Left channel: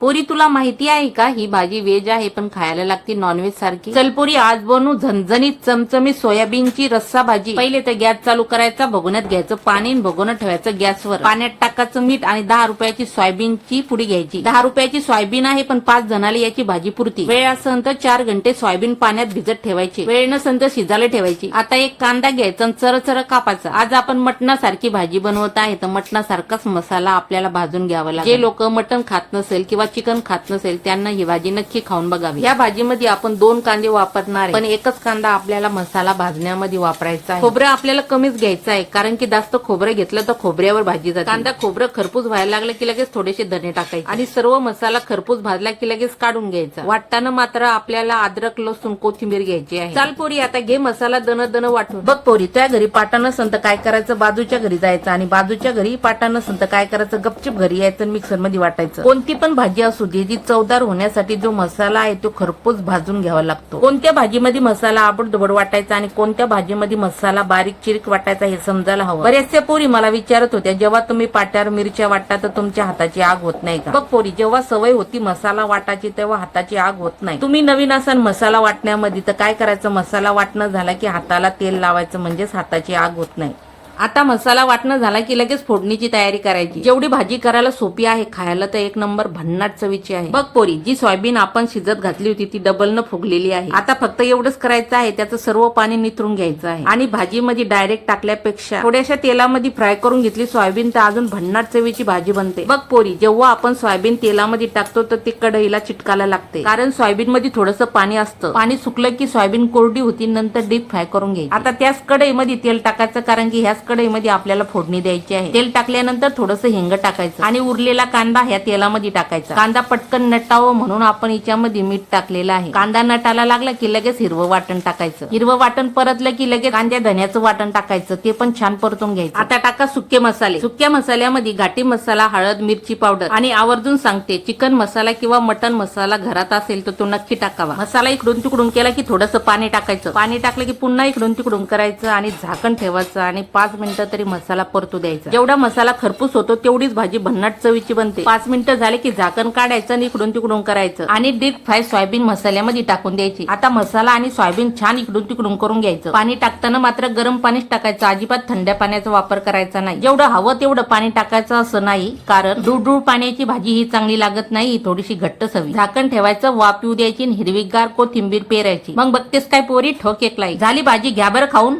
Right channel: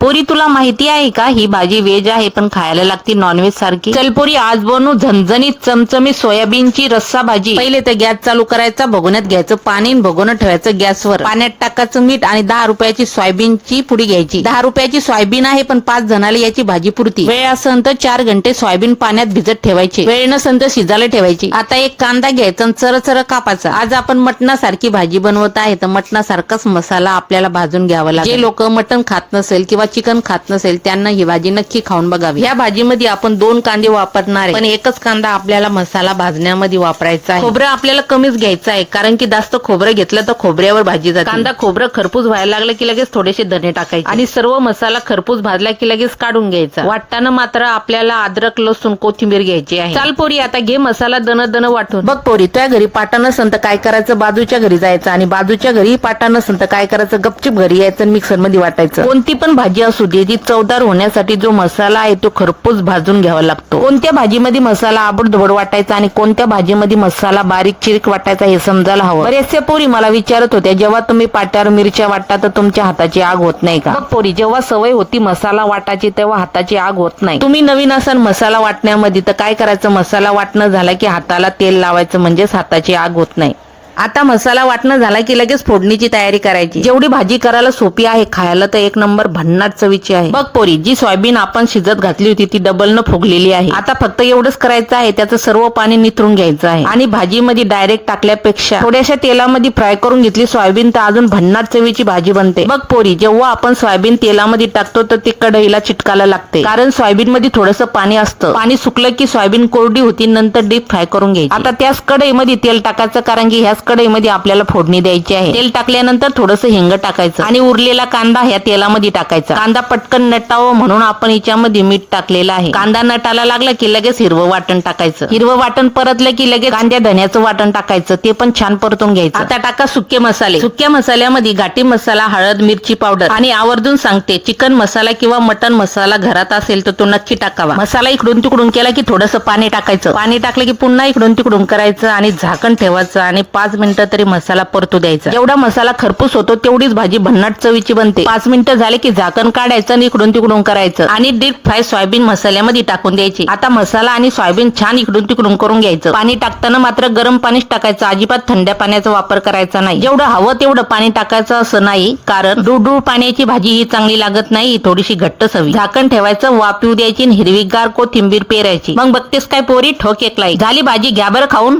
पोरी तुला माहिती आहे का? ही भाजी व्हेज आहे पण खायला लागती नॉनव्हेज सारखी. चल पोरी आज बनवू झणझणीत चमचमी सोयाबीनची रस्सा भाजी. पहिले तर गॅस चालू करायचा भगोन्यात घ्यायचं. पाणी भगोनं ठेवायचं गॅसवर. पाण्यात टाकायचं मीठ आणि दहा रुपयाची सोयाबीनची पुडी घ्यायची. दहा रुपयाची सोयाबीन आहे पण पाच जणाला याची भाजी पुरती. वेळ असन तर चार घंटे सोयाबीन पाण्यात भिजत ठेवायची. वेळ नसन तर शिजायला ठेवायची. आता एक कांदा घ्यायचा आणि चर चर कापाचा आज आपण मटणासारखी भाजी बनवत आहे तर मटणासारखाच मसाला आपल्याला भाजून घ्यावा लागेल. जे लोक मटण खात नसेल किंवा चिकन खात नसेल त्यांना ही भाजी नक्की खाऊन बघावी. या भाजीमध्ये आपण दोन कांदे वापरणार आहे. पण एकच कांदा आपल्याला मसाला भाजण्यामध्ये वापरायचा आहे. खोबरं आपल्याला कमीच घ्यायचं आहे कारण की जास्त खोबरं घेतलं तर खोबऱ्यावर भाजी जाते. कांदा खोबरं खरपूस व्हायला लागलं की लगेच थोडेसे धने टाकायचे. आणि सर्व मसाला खरपूस भाजला की लगेच काढून घ्यायचा. वाटताना मात्र आपल्याला अद्रक लसूण कोथिंबीर घ्यायची आहे. चाल पोरी आता घे मसाला दन दन वाटून. बघ पोरी तुझ्या घरी पाटा नसन तर काय करायचं? बाजूच्या घरी जायचं आणि बाजूच्या घरी पाटा नसन तर काय करायचं? गपचिप घरी यायचं मिक्सरमध्ये वाटायचं. कोणती पण भाजी असू दे ती चवदार होण्यासाठी जो मसाला आहे तो खरपूस भाजून घ्यावा लागतो. कोणत्या भाजीमध्ये मसाला आबडधोबड वाटायचा आणि कोणत्या भाजीमध्ये मसाला बारीक चिरक वाटायचा हे समजायला हवं? बरेचसे पोरी मला विचारत होत्या जेव्हा तुम्ही पाट्यावर मिरच्या वाटता तर तुमच्या हाताची आग होत नाही का? पोरी जेव्हा सवय होती मसाला वाटायची तेव्हा हाताची आग होत नाही. तुम्ही नवीन असाल मसाला वाटण्यामध्ये तर काय करायचं? मसाला वाटणं झाला की हाताला तेल लावायचं म्हणजेच हाताची आग होत नाही. आता मसाला वाटणं झाला की लगेच फोडणीची तयारी करायची. जेवढी भाजी करायला सोपी आहे खायला तर एक नंबर भन्नाट चवीची आहे. बघ पोरी जी सोयाबीन आपण शिजत घातली होती ती डबल न फुगलेली आहे. आता फक्त एवढंच करायचं आहे त्याचं सर्व पाणी निथरून घ्यायचं आहे. आणि भाजीमध्ये डायरेक्ट टाकल्यापेक्षा थोड्याशा तेलामध्ये फ्राय करून घेतली सोयाबीन तर अजून भन्नाट चवीची भाजी बनते. बघ पोरी जेव्हा आपण सोयाबीन तेलामध्ये टाकतो तर ती कढईला चिटकायला लागते. कारण सोयाबीन मध्ये थोडस पाणी असतं. पाणी सुकलं की सोयाबीन कोरडी होती नंतर डीप फ्राय करून घ्यायची. आता त्याच कढईमध्ये तेल टाकायचं कारण की ह्याच कढईमध्ये आपल्याला फोडणी द्यायची आहे. तेल टाकल्यानंतर थोडस हिंग टाकायचं आणि उरलेला कांदा ह्या तेलामध्ये टाकायचा. कांदा पटकन नटावं म्हणून आपण याच्यामध्ये मीठ टाकलेलं आहे. कांदा नटाला लागला की लगेच हिरवं वाटण टाकायचं. हिरवं वाटण परतलं की लगेच कांद्या धन्याचं वाटण टाकायचं. ते पण छान परतून घ्यायचं. आता टाका सुके मसाले. सुक्या मसाल्यामध्ये घाटी मसाला हळद मिरची पावडर आणि आवर्जून सांगते चिकन मसाला किंवा मटन मसाला घरात असेल तर तो नक्की टाकावा. मसाला इकडून तिकडून केला की थोडंसं पाणी टाकायचं. पाणी टाकलं की पुन्हा इकडून तिकडून करायचं आणि झाकण ठेवायचं आणि पाच मिनिटं तरी मसाला परतू द्यायचा. जेवढा मसाला खरपूस होतो तेवढीच भाजी भन्नाट चवीची बनते. पाच मिनिटं झाले की झाकण काढायचं आणि इकडून तिकडून करायचं. आणि डीप फ्राय सोयाबीन मसाल्यामध्ये टाकून द्यायची. आता मसाला आणि सोयाबीन छान इकडून तिकडून करून घ्यायचं. पाणी टाकताना मात्र गरम पाणीच टाकायचं. अजिबात थंड्या पाण्याचा वापर करायचा नाही. जेवढं हवं तेवढं पाणी टाकायचं असं नाही कारण डुडू पाण्याची भाजी ही चांगली लागत नाही थोडीशी घट्ट सवी झाकण ठेवायचं वापिव द्यायची हिरवीगार कोथिंबीर पेरायची. मग बघतेस काय पोरी ठोक एक लाई झाली भाजी घ्या बरं खाऊन.